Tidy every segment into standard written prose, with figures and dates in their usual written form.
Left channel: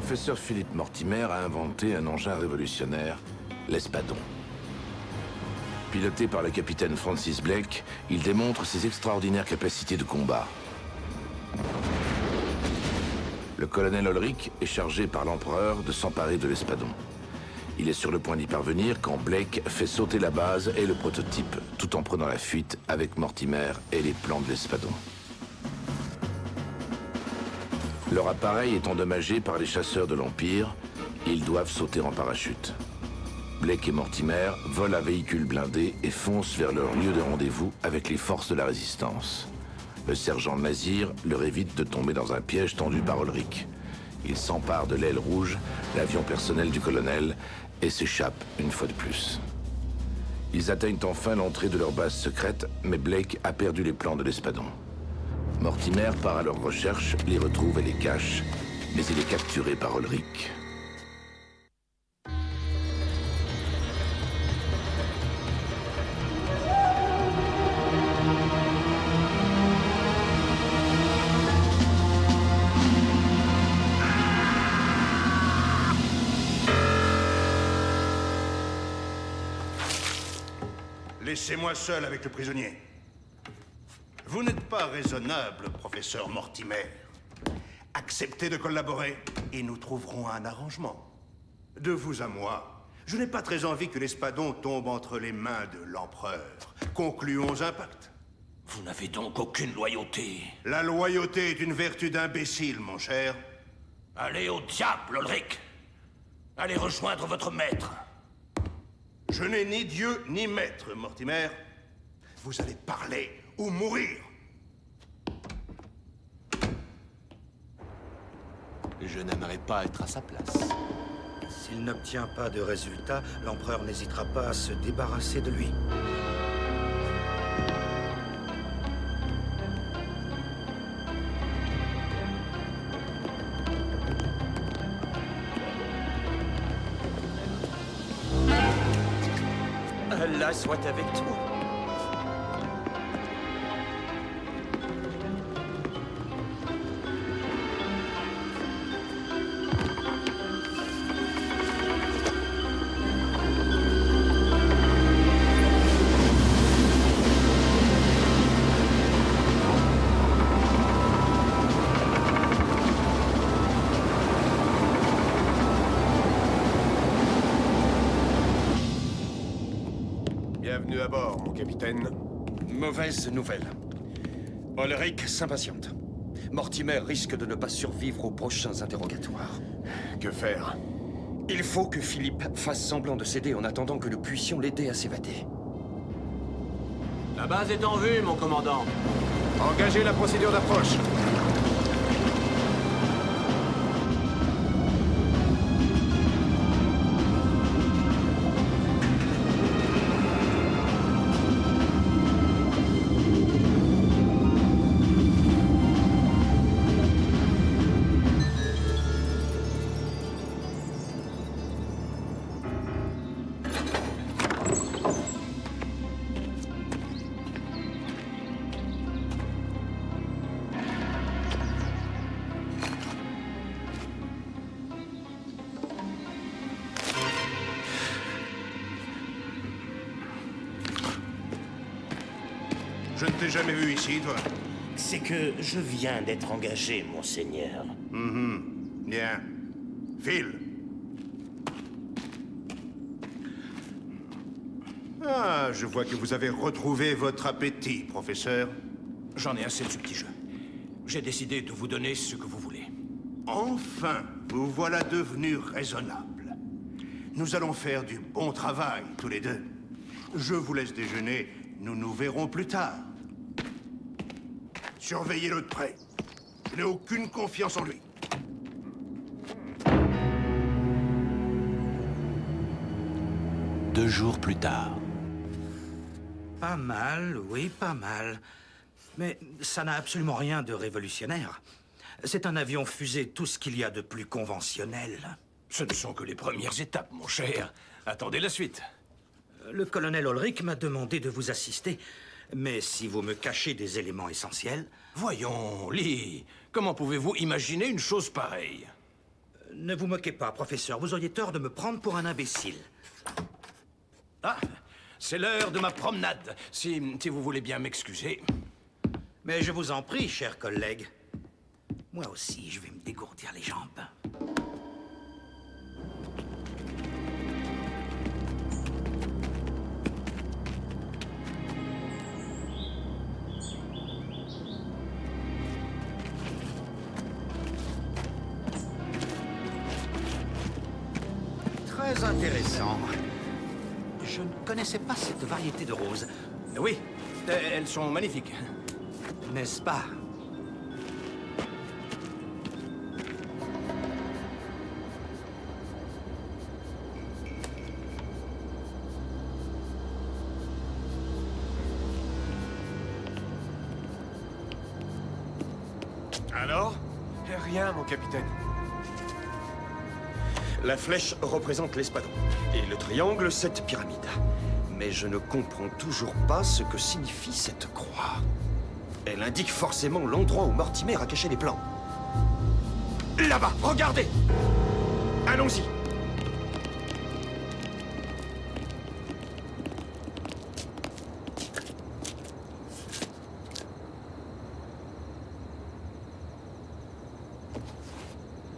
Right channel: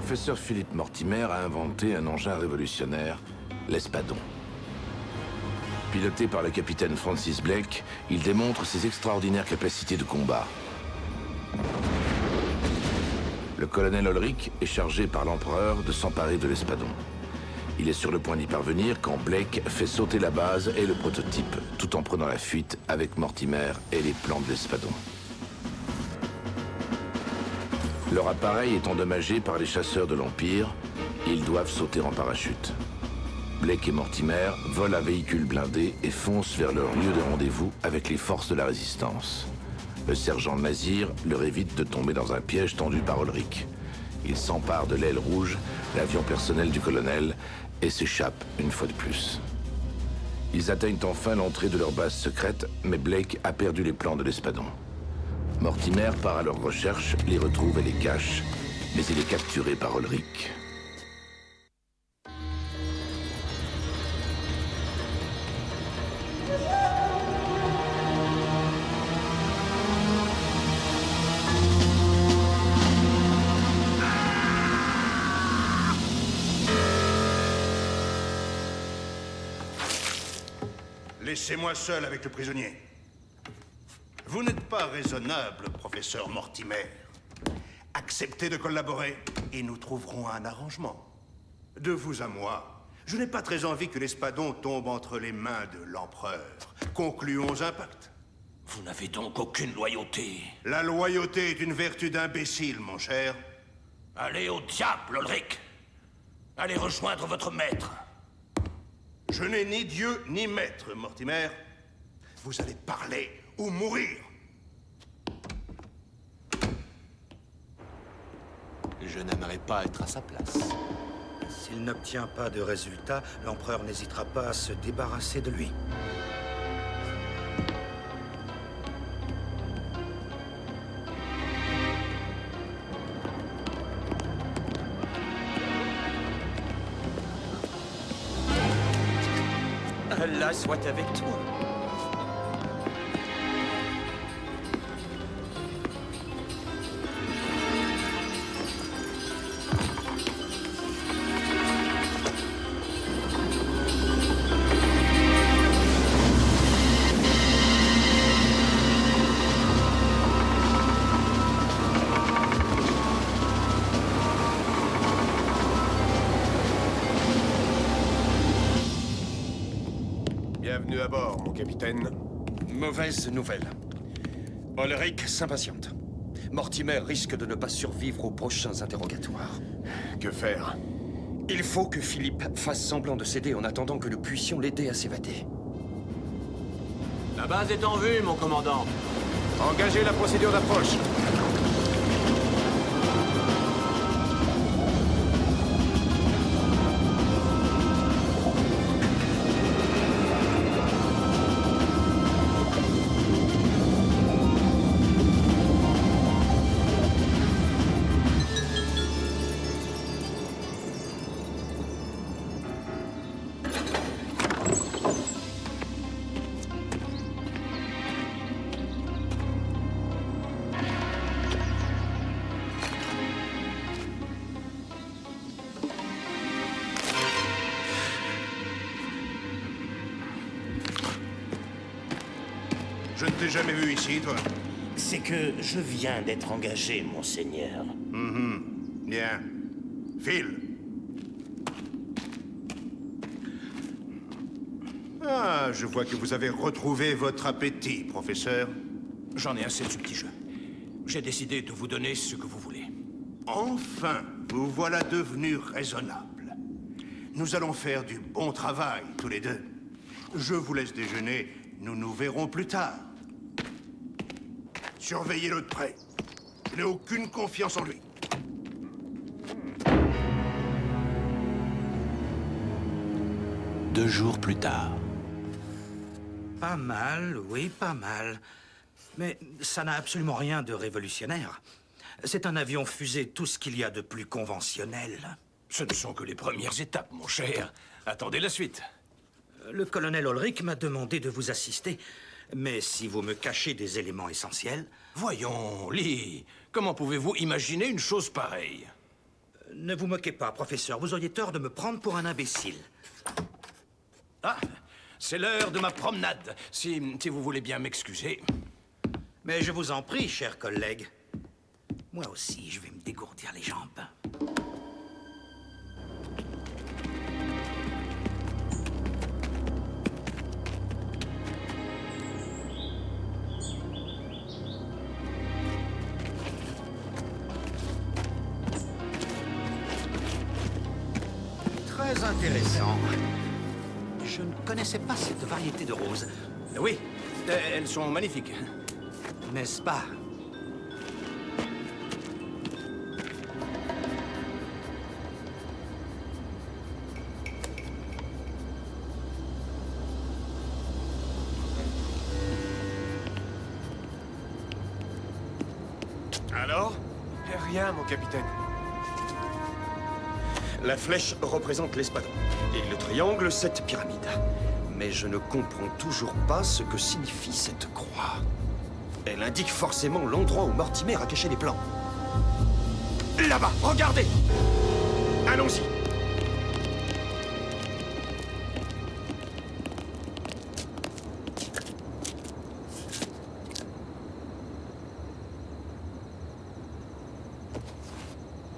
professeur Philippe Mortimer a inventé un engin révolutionnaire, l'Espadon. Piloté par le capitaine Francis Blake, il démontre ses extraordinaires capacités de combat. Le colonel Ulrich est chargé par l'empereur de s'emparer de l'Espadon. Il est sur le point d'y parvenir quand Blake fait sauter la base et le prototype, tout en prenant la fuite avec Mortimer et les plans de l'Espadon. Leur appareil est endommagé par les chasseurs de l'Empire. Ils doivent sauter en parachute. Blake et Mortimer volent un véhicule blindé et foncent vers leur lieu de rendez-vous avec les forces de la résistance. Le sergent Mazir leur évite de tomber dans un piège tendu par Ulrich. Il s'empare de l'aile rouge, l'avion personnel du colonel, et s'échappe une fois de plus. Ils atteignent enfin l'entrée de leur base secrète, mais Blake a perdu les plans de l'Espadon. Mortimer part à leur recherche, les retrouve et les cache, mais il est capturé par Ulrich. Laissez-moi seul avec le prisonnier. Vous n'êtes pas raisonnable, professeur Mortimer. Acceptez de collaborer et nous trouverons un arrangement. De vous à moi, je n'ai pas très envie que l'Espadon tombe entre les mains de l'empereur. Concluons un pacte. Vous n'avez donc aucune loyauté. La loyauté est une vertu d'imbécile, mon cher. Allez au diable, Ulrich. Allez rejoindre votre maître. Je n'ai ni Dieu ni maître, Mortimer. Vous allez parler ou mourir. Je n'aimerais pas être à sa place. S'il n'obtient pas de résultat, l'empereur n'hésitera pas à se débarrasser de lui. Allah soit avec toi. Bienvenue à bord, mon capitaine. Mauvaise nouvelle. Ulrich s'impatiente. Mortimer risque de ne pas survivre aux prochains interrogatoires. Que faire? Il faut que Philippe fasse semblant de céder en attendant que nous puissions l'aider à s'évader. La base est en vue, mon commandant. Engagez la procédure d'approche. Je ne t'ai jamais vu ici, toi. C'est que je viens d'être engagé, monseigneur. Bien. File. Ah, je vois que vous avez retrouvé votre appétit, professeur. J'en ai assez de ce petit jeu. J'ai décidé de vous donner ce que vous voulez. Enfin, vous voilà devenu raisonnable. Nous allons faire du bon travail, tous les deux. Je vous laisse déjeuner. Nous nous verrons plus tard. Surveillez-le de près. Je n'ai aucune confiance en lui. Deux jours plus tard. Pas mal, oui, pas mal. Mais ça n'a absolument rien de révolutionnaire. C'est un avion fusée, tout ce qu'il y a de plus conventionnel. Ce ne sont que les premières étapes, mon cher. Attendez la suite. Le colonel Ulrich m'a demandé de vous assister. Mais si vous me cachez des éléments essentiels... Voyons, Lee, comment pouvez-vous imaginer une chose pareille? Ne vous moquez pas, professeur. Vous auriez tort de me prendre pour un imbécile. Ah, c'est l'heure de ma promenade, si vous voulez bien m'excuser. Mais je vous en prie, cher collègue. Moi aussi, je vais me dégourdir les jambes. Très intéressant. Je ne connaissais pas cette variété de roses. Oui, elles sont magnifiques. N'est-ce pas? Alors? Rien, mon capitaine. La flèche représente l'espadon. Et le triangle, cette pyramide. Mais je ne comprends toujours pas ce que signifie cette croix. Elle indique forcément l'endroit où Mortimer a caché les plans. Là-bas, regardez! Allons-y!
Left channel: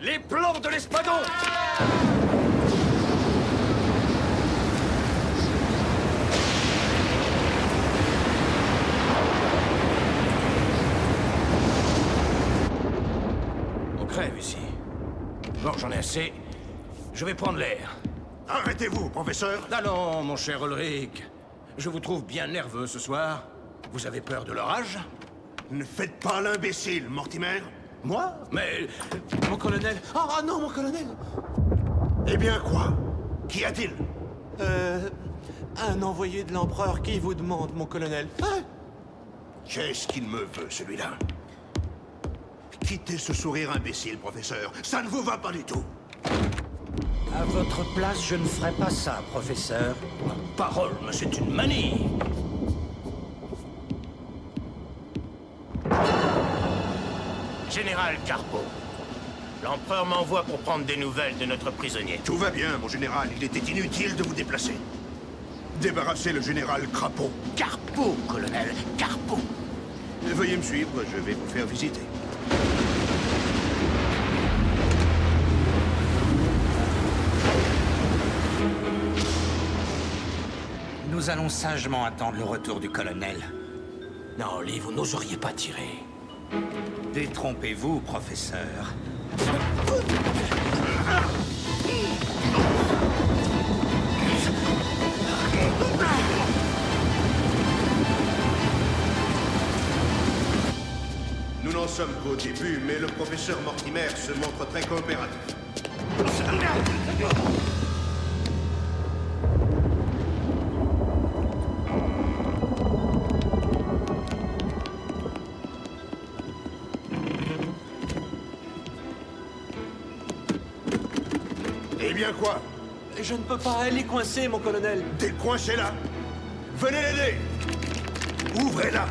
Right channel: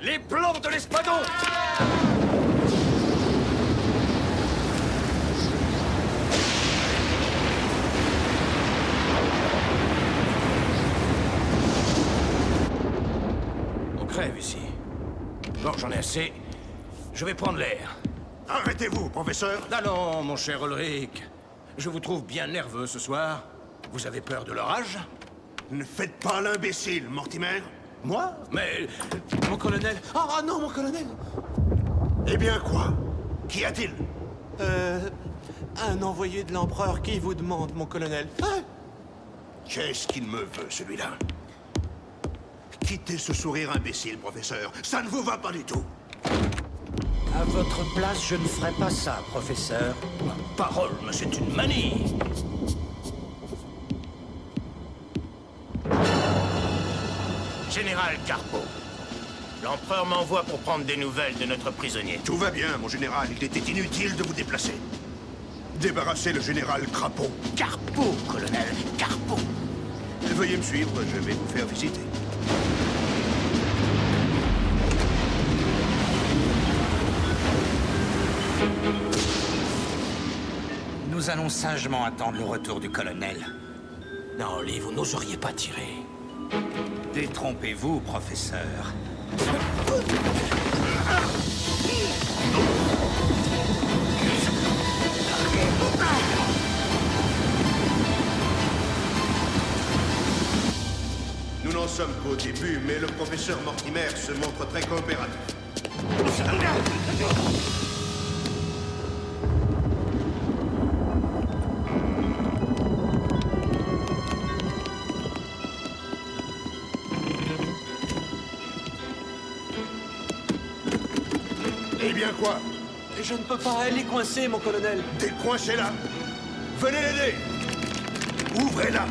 Les plans de l'espadon! On crève ici. Bon, j'en ai assez. Je vais prendre l'air. Arrêtez-vous, professeur. Ah non, mon cher Ulrich. Je vous trouve bien nerveux ce soir. Vous avez peur de l'orage? Ne faites pas l'imbécile, Mortimer. Moi? Mais... Mon colonel... Ah non, mon colonel! Eh bien, quoi? Qu'y a-t-il? Un envoyé de l'empereur qui vous demande, mon colonel. Ah! Qu'est-ce qu'il me veut, celui-là? Quittez ce sourire imbécile, professeur. Ça ne vous va pas du tout. À votre place, je ne ferais pas ça, professeur. Ma parole, mais c'est une manie! Général Carpo, l'empereur m'envoie pour prendre des nouvelles de notre prisonnier. Tout va bien, mon général. Il était inutile de vous déplacer. Débarrassez le général Crapaud. Carpo, colonel, Carpo. Veuillez me suivre, je vais vous faire visiter. Nous allons sagement attendre le retour du colonel. Non, Lee, vous n'oseriez pas tirer. Détrompez-vous, professeur. Nous n'en sommes qu'au début, mais le professeur Mortimer se montre très coopératif. Eh bien quoi? Je ne peux pas, elle est coincée, mon colonel. Décoincez-la! Venez l'aider! Ouvrez-la!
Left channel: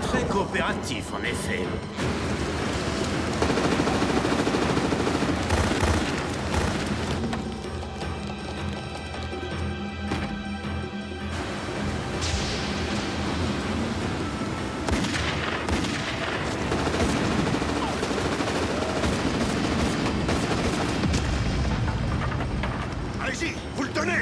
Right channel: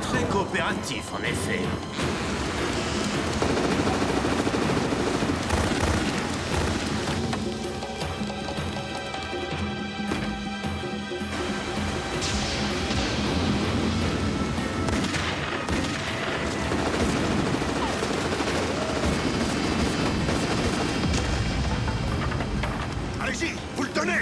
Très coopératif, en effet. Allez-y, vous le tenez!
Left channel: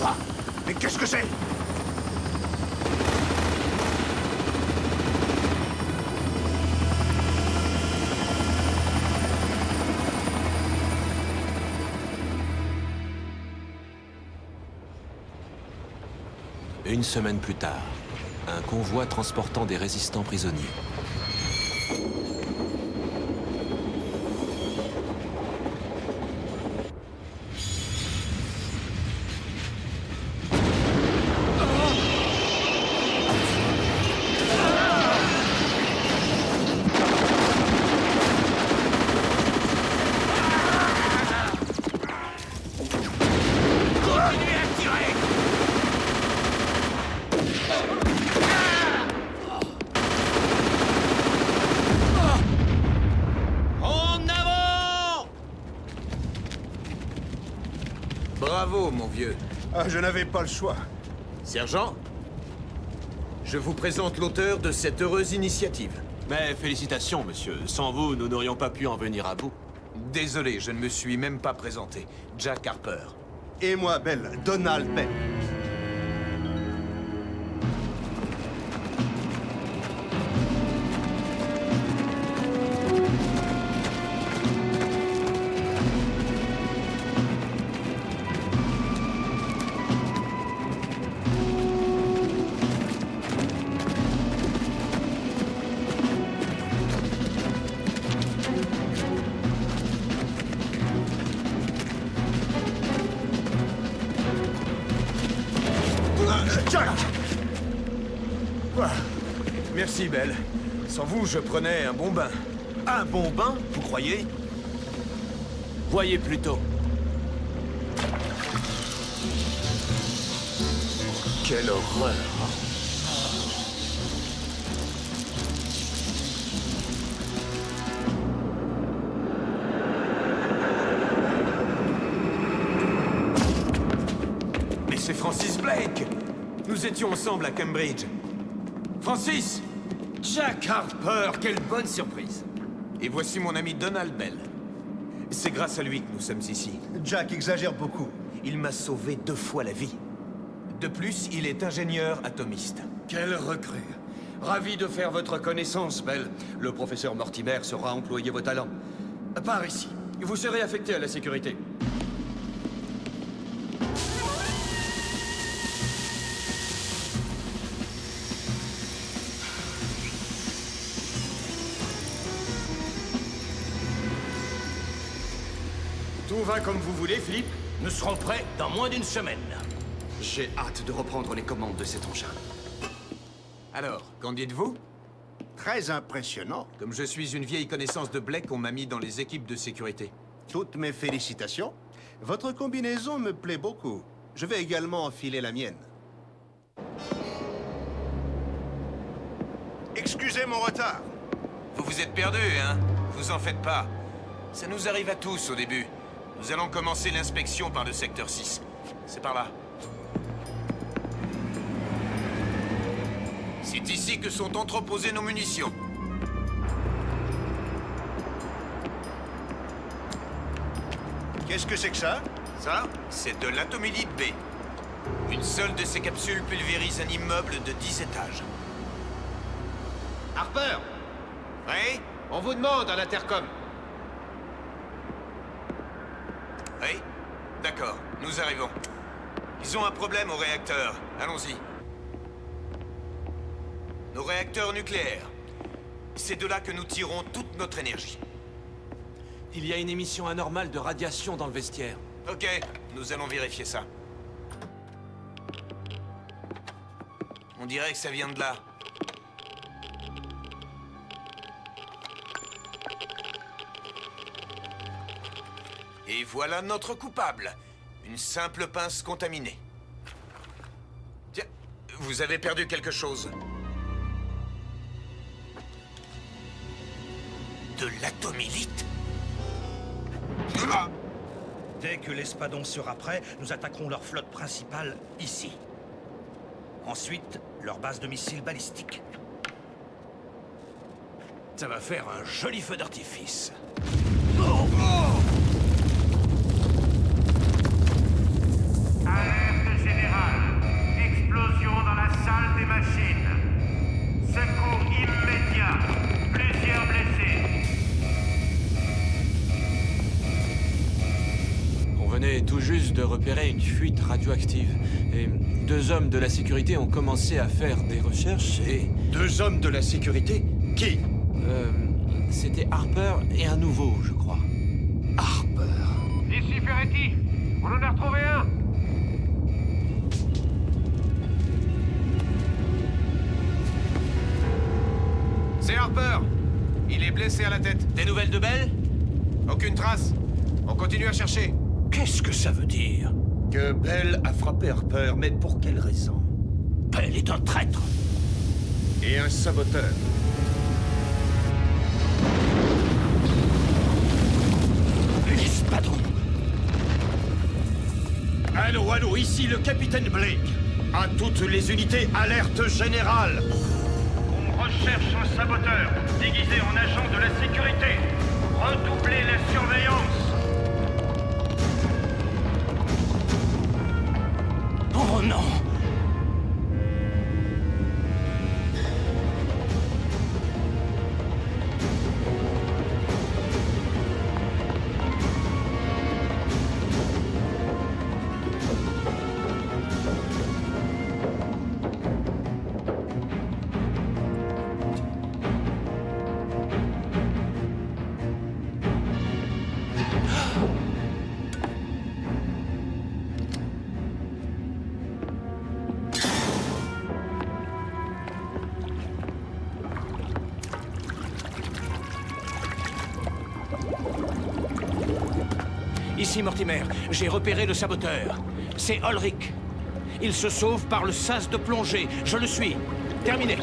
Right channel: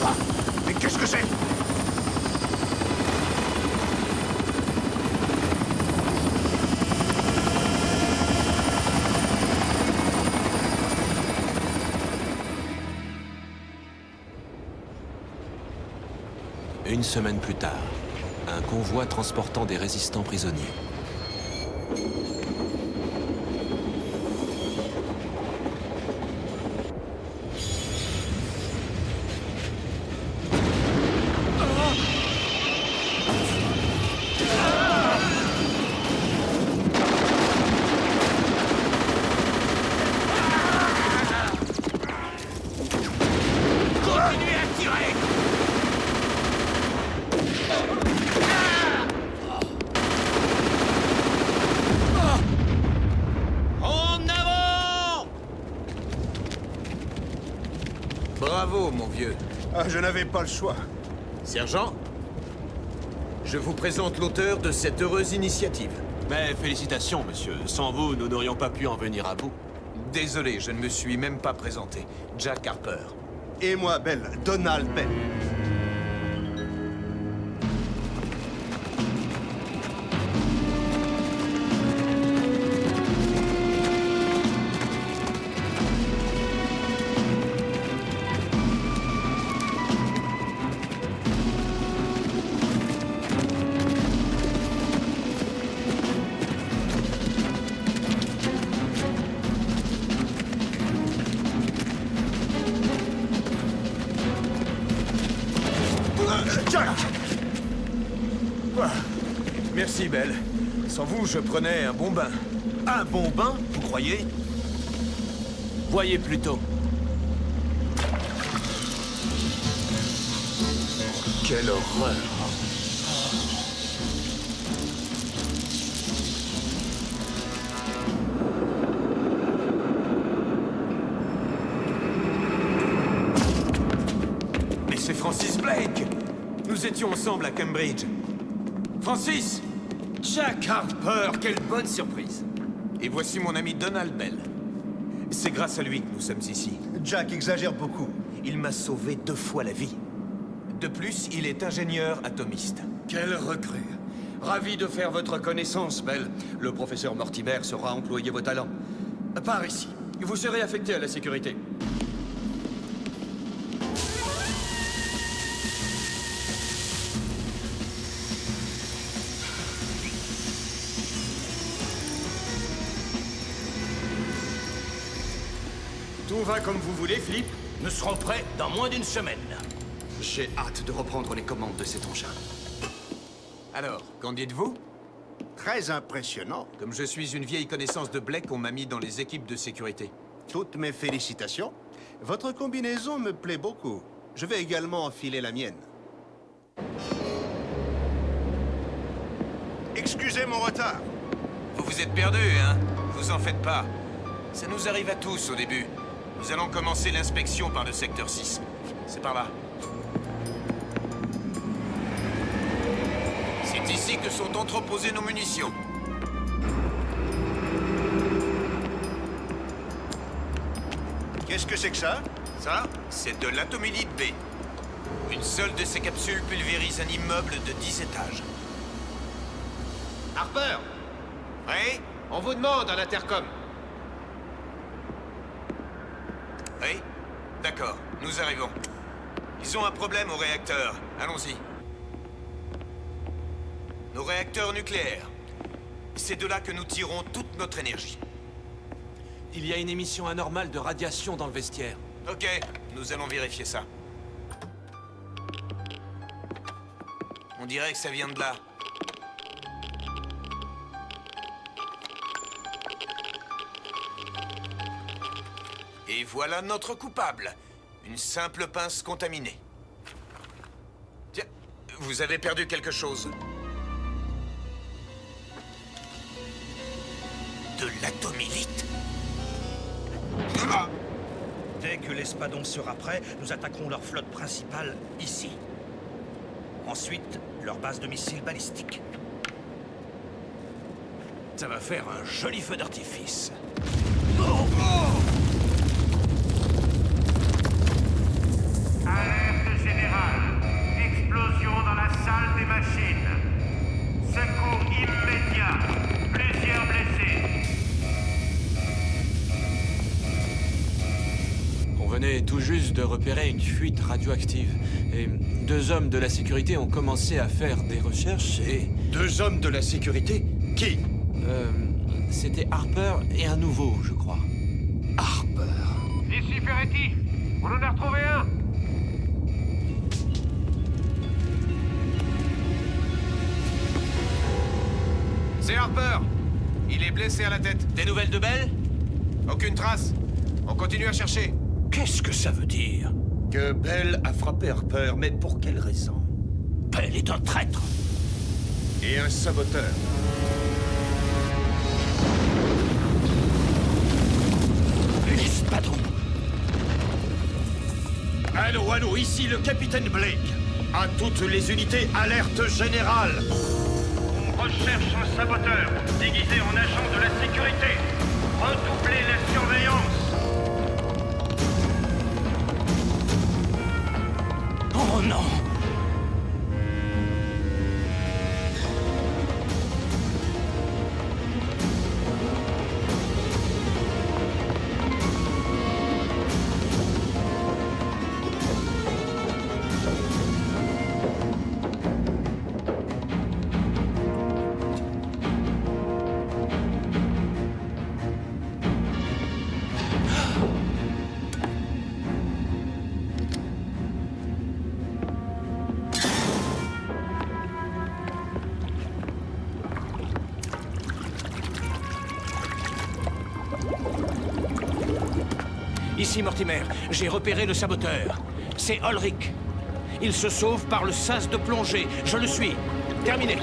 Quoi? Mais qu'est-ce que c'est? Une semaine plus tard, un convoi transportant des résistants prisonniers. Bravo, mon vieux. Ah, je n'avais pas le choix. Sergent, je vous présente l'auteur de cette heureuse initiative. Mais félicitations, monsieur. Sans vous, nous n'aurions pas pu en venir à bout. Désolé, je ne me suis même pas présenté. Jack Harper. Et moi, Bell, Donald Bell. Jack! Merci, Belle. Sans vous, je prenais un bon bain. Un bon bain, vous croyez? Voyez plutôt. Quelle horreur. Mais c'est Francis Blake! Nous étions ensemble à Cambridge. Francis! Jack Harper, quelle bonne surprise! Et voici mon ami Donald Bell. C'est grâce à lui que nous sommes ici. Jack exagère beaucoup. Il m'a sauvé 2 fois la vie. De plus, il est ingénieur atomiste. Quelle recrue. Ravi de faire votre connaissance, Bell. Le professeur Mortimer saura employer vos talents. Par ici. Vous serez affecté à la sécurité. Tout va comme vous voulez, Philippe? Nous serons prêts dans moins d'une semaine. J'ai hâte de reprendre les commandes de cet engin. Alors, qu'en dites-vous? Très impressionnant. Comme je suis une vieille connaissance de Blake, on m'a mis dans les équipes de sécurité. Toutes mes félicitations. Votre combinaison me plaît beaucoup. Je vais également enfiler la mienne. Excusez mon retard. Vous vous êtes perdu, hein? Vous en faites pas. Ça nous arrive à tous au début. Nous allons commencer l'inspection par le secteur 6. C'est par là. C'est ici que sont entreposées nos munitions. Qu'est-ce que c'est que ça? Ça, c'est de l'atomylite B. Une seule de ces capsules pulvérise un immeuble de 10 étages. Harper! Oui? On vous demande à l'intercom. Oui? D'accord, nous arrivons. Ils ont un problème au réacteur. Allons-y. Nos réacteurs nucléaires. C'est de là que nous tirons toute notre énergie. Il y a une émission anormale de radiation dans le vestiaire. Ok, nous allons vérifier ça. On dirait que ça vient de là. Et voilà notre coupable. Une simple pince contaminée. Tiens, vous avez perdu quelque chose. De l'atomylite? Dès que l'espadon sera prêt, nous attaquerons leur flotte principale ici. Ensuite, leur base de missiles balistiques. Ça va faire un joli feu d'artifice. Alerte générale. Explosion dans la salle des machines. Secours immédiat. Plusieurs blessés. On venait tout juste de repérer une fuite radioactive. Et 2 hommes de la sécurité ont commencé à faire des recherches et... 2 hommes de la sécurité? Qui? C'était Harper et un nouveau, je crois. Harper. Ici Ferretti. On en a retrouvé un. C'est Harper. Il est blessé à la tête. Des nouvelles de Bell? Aucune trace. On continue à chercher. Qu'est-ce que ça veut dire? Que Bell a frappé Harper, mais pour quelle raison? Bell est un traître. Et un saboteur. L'espadon. Allô, ici le capitaine Blake. À toutes les unités, alerte générale. On recherche un saboteur, déguisé en agent de la sécurité. Redoublez la surveillance. Oh non! Ici Mortimer, j'ai repéré le saboteur. C'est Ulrich. Il se sauve par le sas de plongée. Je le suis. Terminé.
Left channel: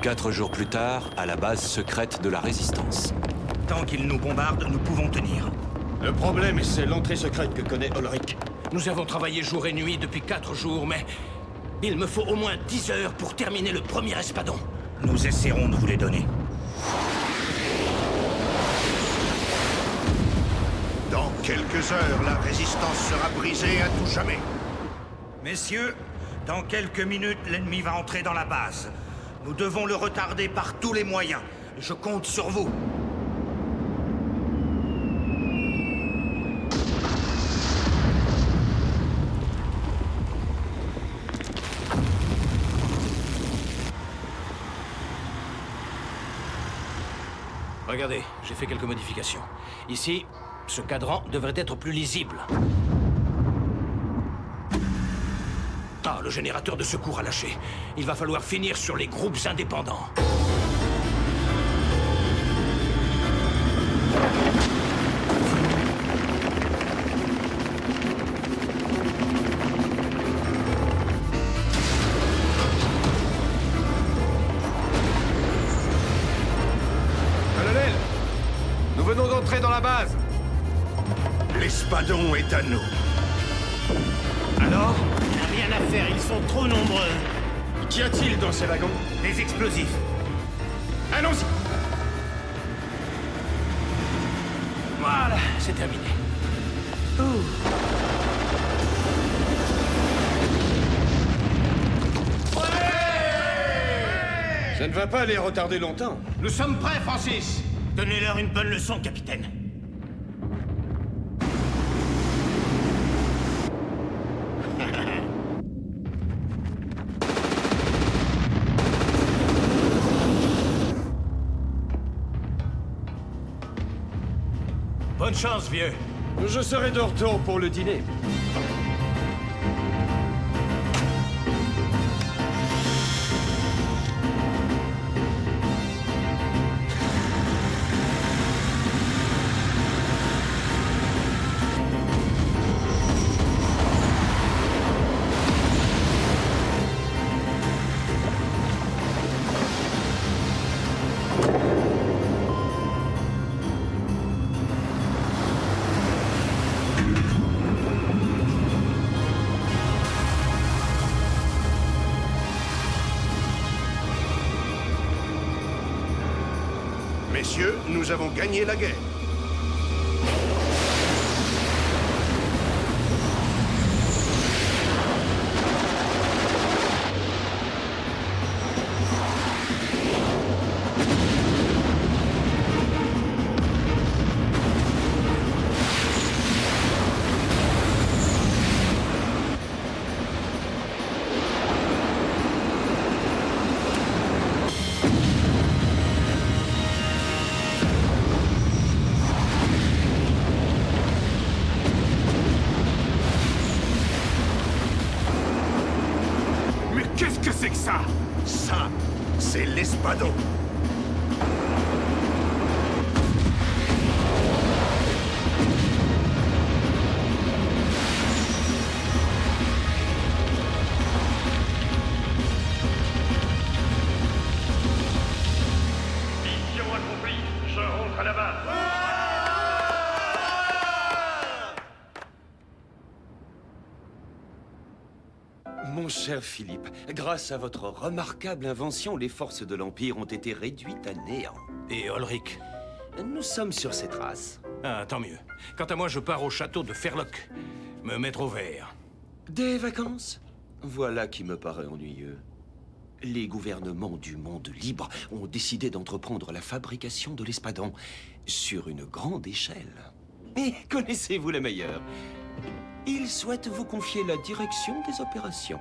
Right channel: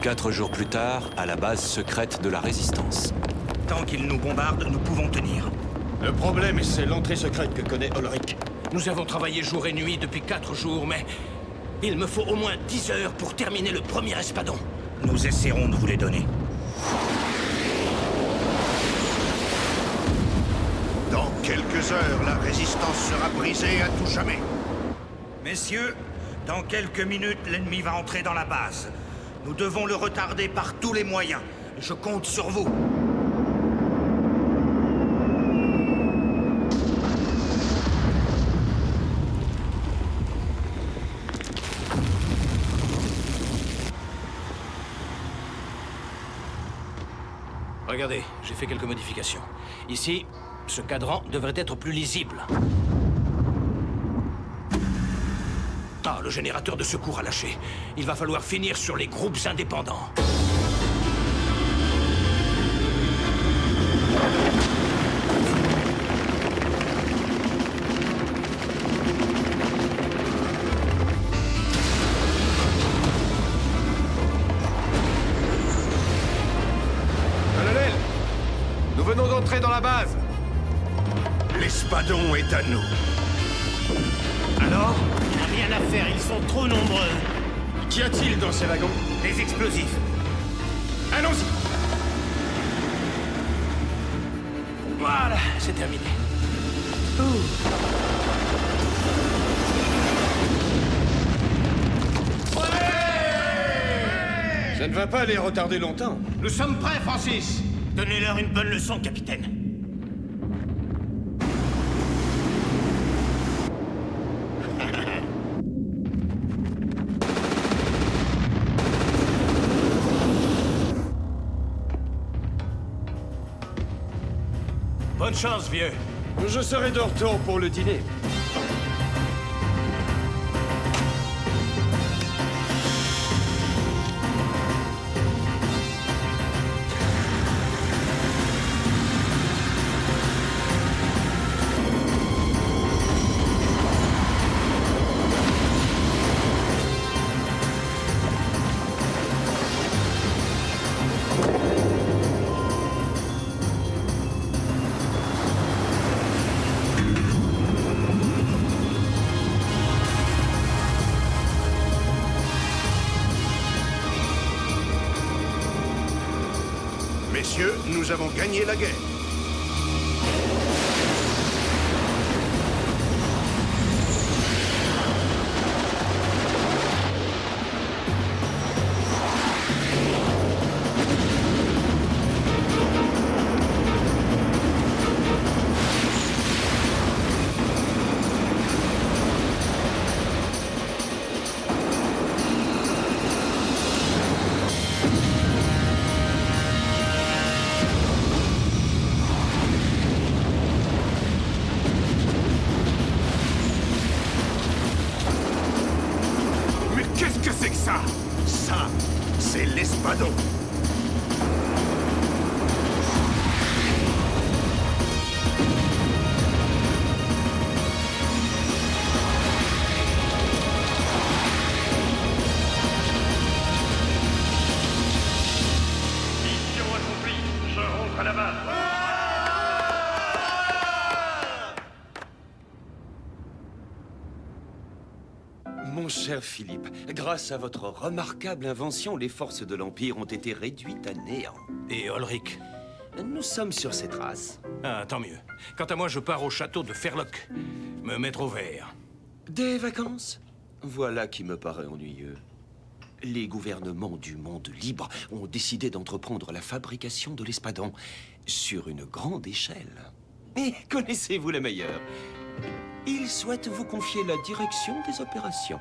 Quatre jours plus tard, à la base secrète de la Résistance. Tant qu'ils nous bombardent, nous pouvons tenir. Le problème, c'est l'entrée secrète que connaît Ulrich. Nous avons travaillé jour et nuit depuis 4 jours, mais il me faut au moins 10 heures pour terminer le premier espadon. Nous essaierons de vous les donner. Dans quelques heures, la résistance sera brisée à tout jamais. Messieurs, dans quelques minutes, l'ennemi va entrer dans la base. Nous devons le retarder par tous les moyens. Je compte sur vous. Regardez, j'ai fait quelques modifications. Ici, ce cadran devrait être plus lisible. Ah, le générateur de secours a lâché. Il va falloir finir sur les groupes indépendants. Colonel, nous venons d'entrer dans la base. L'espadon est à nous. Alors? Rien à faire, ils sont trop nombreux. Qu'y a-t-il dans ces wagons? Des explosifs. Allons-y! Voilà, c'est terminé. Ça ne va pas les retarder longtemps. Nous sommes prêts, Francis. Donnez-leur une bonne leçon, capitaine. Bonne chance, vieux. Je serai de retour pour le dîner. Messieurs, nous avons gagné la guerre. Qu'est-ce que c'est que ça? Ça, c'est l'Espadon. Mission accomplie. Je rentre à la base. Mon cher Philippe, grâce à votre remarquable invention, les forces de l'Empire ont été réduites à néant. Et Ulrich? Nous sommes sur ses traces. Ah, tant mieux. Quant à moi, je pars au château de Ferloc, me mettre au vert. Des vacances? Voilà qui me paraît ennuyeux. Les gouvernements du monde libre ont décidé d'entreprendre la fabrication de l'espadon sur une grande échelle. Et connaissez-vous la meilleure? Ils souhaitent vous confier la direction des opérations.